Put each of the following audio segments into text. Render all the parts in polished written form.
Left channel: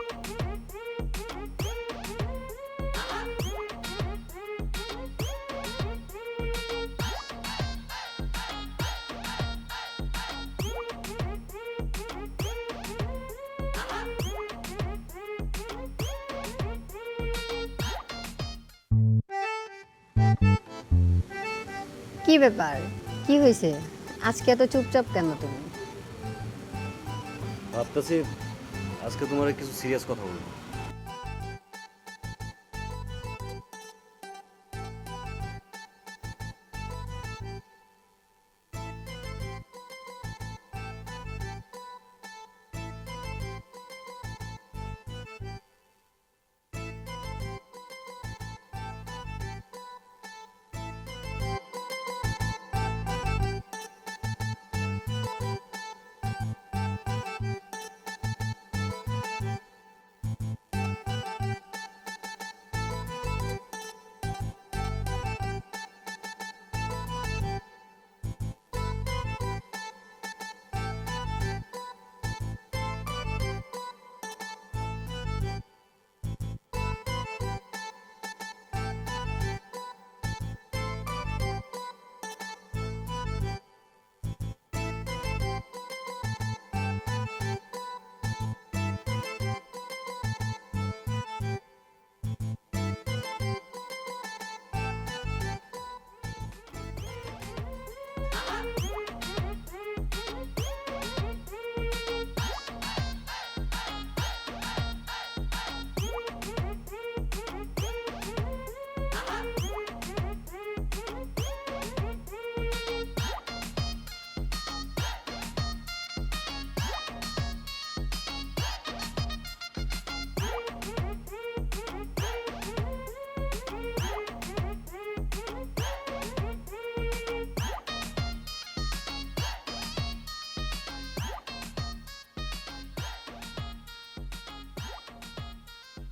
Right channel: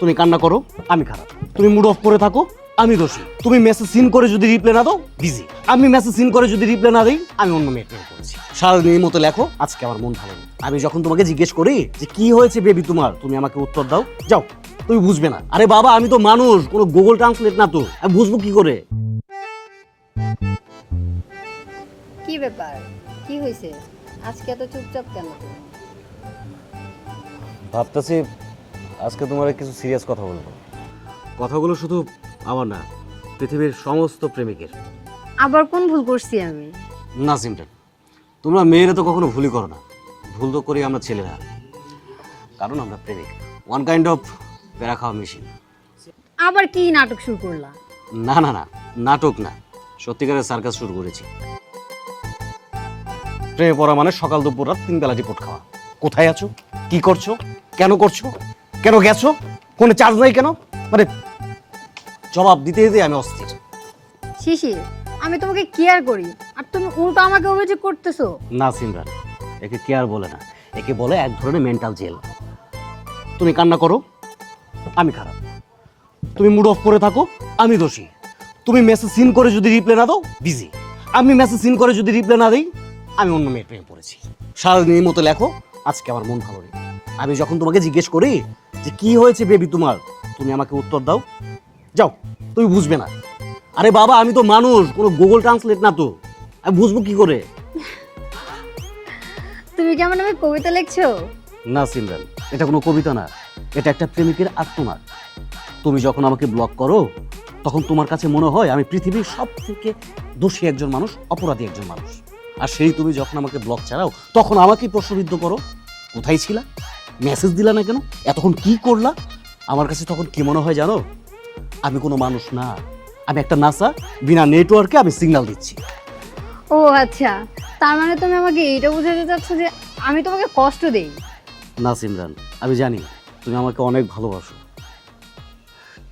তুমি কান্না করো, আমি খারাপ। তুমি মুড অফ করে থাকো, আমি দোষী। তুমি মেসেজ সিন করে যদি রিপ্লাই না দাও, বিজি। আমি মেসেজ সিন করে যদি রিপ্লাই না দিই, আমি অন্য মেয়ের প্রেমে পড়েছি। সারাদিনের মতো লেখো, আজকে আমার মন ভালো নেই। আমি যখন তোমাকে জিজ্ঞেস করি যে কি হয়েছে বেবি তোমার, তুমি আমাকে উত্তর দাও, যাও তুমি বুঝবে না। আরে বাবা, আমি তো মানুষ, কোনো গুগল ট্রান্সলেট না তো, আমি বুঝবো কি করে? কি ব্যাপার, কি হয়েছে আজকে এত চুপচাপ কেন তুমি? ভাবতেছি আজকে তোমার কিছু সিরিয়াস কথা বলবো। কথাগুলো শুধু আমার না, পৃথিবীর সমস্ত প্রেমিকের। আবার কোন ভুল করছি আমি? না সিমটান, তোমরা মেয়েরা তো কখনো ভুলই করো না। ভুল তো করি আমরা ছেলেরা, কারণ আমরা প্রেমিক। ওয়ান কাইন্ড অফ বেড়া খাওয়া মেশিন। আবার কি নাটক শুরু করলা? না না না, নাটক না, সত্যিকারের সার্কাস শুরু করেছি। প্রেমে পড়া মানে সকাল দুপুর রাত 3 বেলা রিপোর্ট খাওয়া। কোথায় আছো, কি করছো, কেন করছো, কেন গেছো, ফোনে চার্জ নাই কেন, মানে জবাব দিতে দিতে আমি অস্থির। শিশির, আমি তোমাকে কেয়ার করি আর তুমি উল্টো আমাকে অভিযোগ করতেছো। না সিমরান, একে কেয়ার বলে না, একে বলে এক ধরনের মেন্টাল জেল। তুমি কান্না করো, আমি খারাপ। তুমি মুড অফ করে থাকো, আমি দোষী। তুমি মেসেজ সিন করে যদি রিপ্লাই না দাও, বিজি। আমি মেসেজ সিন করে যদি রিপ্লাই না দিই, আমি অন্য মেয়ের প্রেমে পড়েছি। সারাদিনের মতো লেখো, আজকে আমার মন ভালো নেই। আমি যখন তোমাকে জিজ্ঞেস করি যে কি হয়েছে বেবি তোমার, তুমি আমাকে উত্তর দাও, যাও তুমি বুঝবে না। আরে বাবা, আমি তো মানুষ, কোনো গুগল ট্রান্সলেট না তো, আমি বুঝবো কি করে? তুমি কেমন আমি কবিতা লিখছো? না সিমরান, এটা কোনো কবিতা না, এটা একটা প্রেমিকের আত্মনাদ। তুমি যখন আমাকে ব্লক করো, তখন তোমার কাছে মনে হয় আমি পৃথিবীর সব থেকে দোষী একজন মানুষ, অপরাধী একজন মানুষ। আর সেই তুমি যখন আমাকে ব্লক ছাড়াও, তখন আমাকেই প্রশ্নবিদ্ধ করো, কোথায় ছিলা, মেসেজ দিলা না কেন, এতক্ষণ কি করলা? আমার কাছে তখন কি মনে হয় জানো? আমি কোনো মানুষ না, আমি একটা নাসা, বিনা নেটওয়ার্কে আমি সিগন্যাল দিচ্ছি। ও আচ্ছা, তার মানে তুমি আমাকে এইটা বোঝাতে চাচ্ছ যে আমি তোমাকে কষ্ট দেই? না সিমরান, আমি জানি তুমি আমাকে অনেক ভালোবাসো,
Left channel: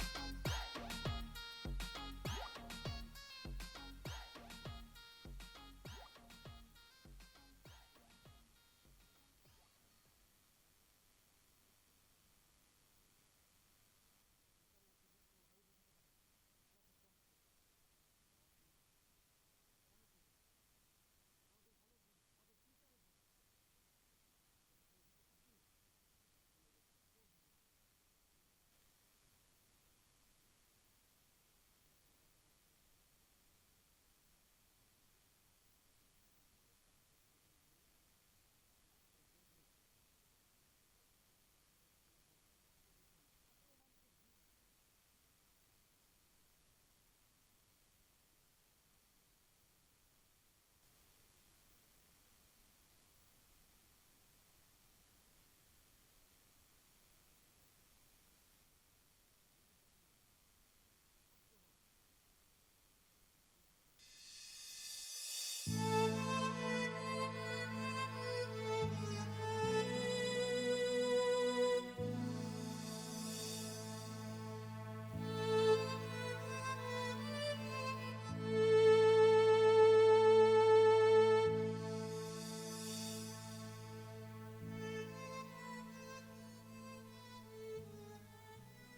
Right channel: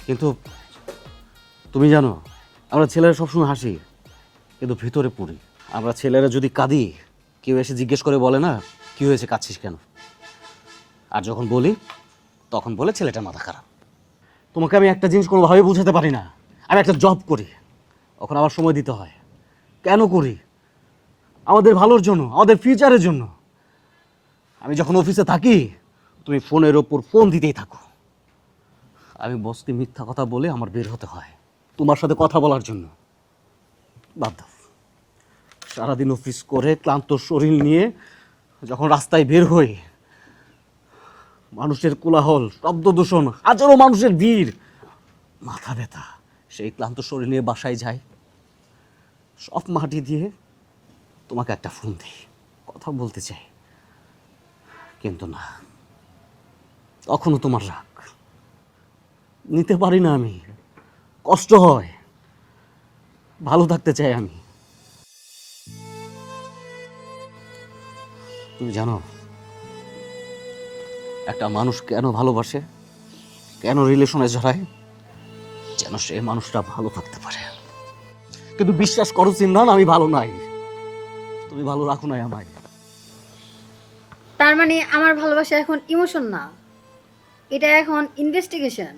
কিন্তু তুমি জানো আমরা ছেলেরা সবসময় হাসি, কিন্তু ভিতরে পড়ি। আমরা ছেলেরা যদি কাঁদি, কেউ এসে জিজ্ঞেস করে বলে না কি হয়েছে, কাঁদছিস কেন? আর যখন বলি, তখন বলে ছেলেটা মাথা খারাপ। তোমাকে আমি একটা জিনিস কোনোভাবে বুঝাতে পারি না, আমি একটা জব করি, ওখানে আমার সময় দিতে হয়। কেন করি? আমাদের ভালোর জন্য, আমাদের ফিউচারের জন্য। আমি যখন অফিসে থাকি, তুমি ফোনের ওপর ফোন দিতেই থাকো। আমি বসকে মিথ্যা কথা বলে আমার বের হতে হয় তোমার সাথে কথা বলার জন্য। বাদ দাও, সারাদিন অফিস করে ক্লান্ত শরীর নিয়ে যখন রাস্তায় বের হই, মানুষের কোলাহল, শব্দ দূষণ, হাজারো মানুষের ভিড়, মাথা ব্যথা, সেই ক্লান্ত শরীর নিয়ে বাসায় যাই, সব মাটি দিয়ে তোমাকে একটা ফোন দিই, কথা বলতে চাই, কিন্তু না, তখনও তোমার রাগ নিতে পারি না আমি, কষ্ট হয়, ভালো থাকতে চাই আমি। তুমি জানো একটা মানুষ কেন ভালোবাসে, কেন রিলেশনে জড়ায়? যেন সেই মানুষটা ভালো থাকতে পারে। কিন্তু বিশ্বাস করো সিমরান, আমি ভালো নাই, তুমি ভালো রাখো নাই আমায়। তার মানে আমার ভালোবাসা এখন ইমোশন না, এটা এখন ইনভেস্টিগেশন।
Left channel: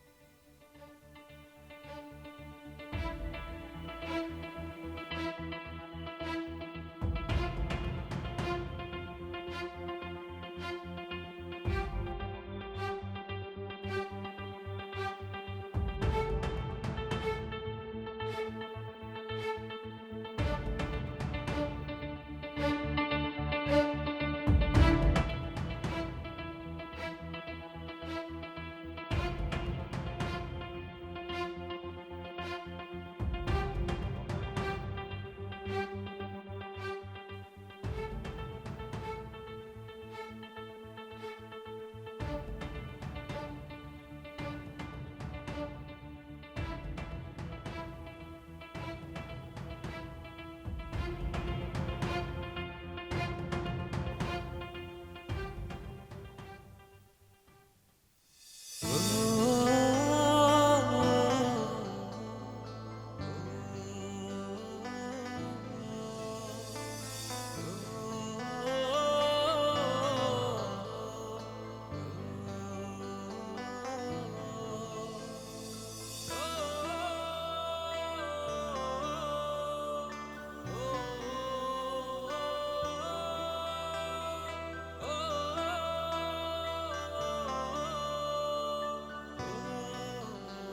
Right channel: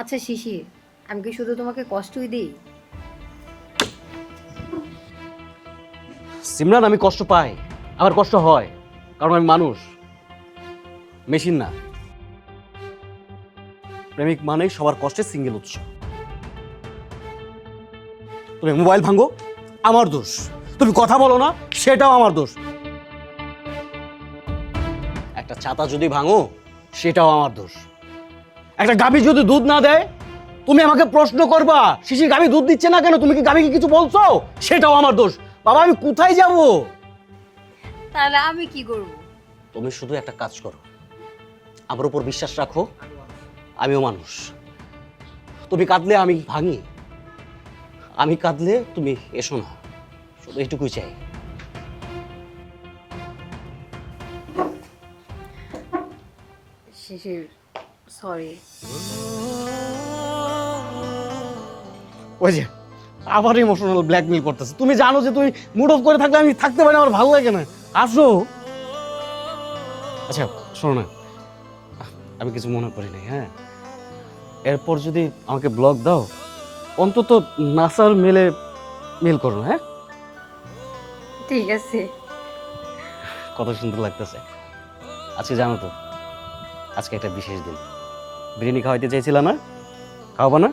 আচ্ছা শিশির, আমি কি শুধু তোমাকে কষ্টই দিই? সিমরান, আমি কষ্ট পাই, আমার কষ্ট হয়, কারণ আমি মানুষ, মেশিন না। প্রেমিক মানেই সবার কষ্টের সিঙ্গেল উৎস। তুমি মোবাইল ভাঙো, আমার দোষ। তুমি কথা বলো না, সেটাও আমার দোষ। একটা ছাতা যদি ভাঙো, সেটাও আমার দোষ। একটা গাভী যদি দুধ না দেয়, তুমি আমাকে প্রশ্ন করবা শিশির গাভী দুধ দিচ্ছে না কেন, তুমি কি গাভীকে কিছু বলছো? সেটাও আমার দোষ। বাবা, আমি কোথায় যাব? তাহলে আমি কি করব? তুমি শুধু একটা কাজ করো, আমার উপর বিশ্বাস রাখো, আমিও মানুষ। তুমি কাঁদলে আমি ভাঙি, আমি কাঁদলে তুমি এসো না, শুধু এইটুকুই চাই। শিশির, সরি। ওই যে আবার ইমোশনাল ব্ল্যাকমেল করতেছে। তুমি জানো যে তুমি মুড অফ করে থাকলে আমি থাকতে পারি না, আমার ভালো লাগে না। আসো। আচ্ছা শোনো না, আমি কিছু মনে করি নাই, হ্যাঁ। এরপর যদি আমাকে ব্লগ দাও, অন্তত নাসার মেলে মেল করো, হ্যাঁ। ঠিক আছে। কত সুন্দর লাগতেছে। আজকে জানো তো, আজকে একটা বিশেষ দিন। বিরিয়ানি খাওয়াইতে চাইছিলা না? খাওয়াবা না?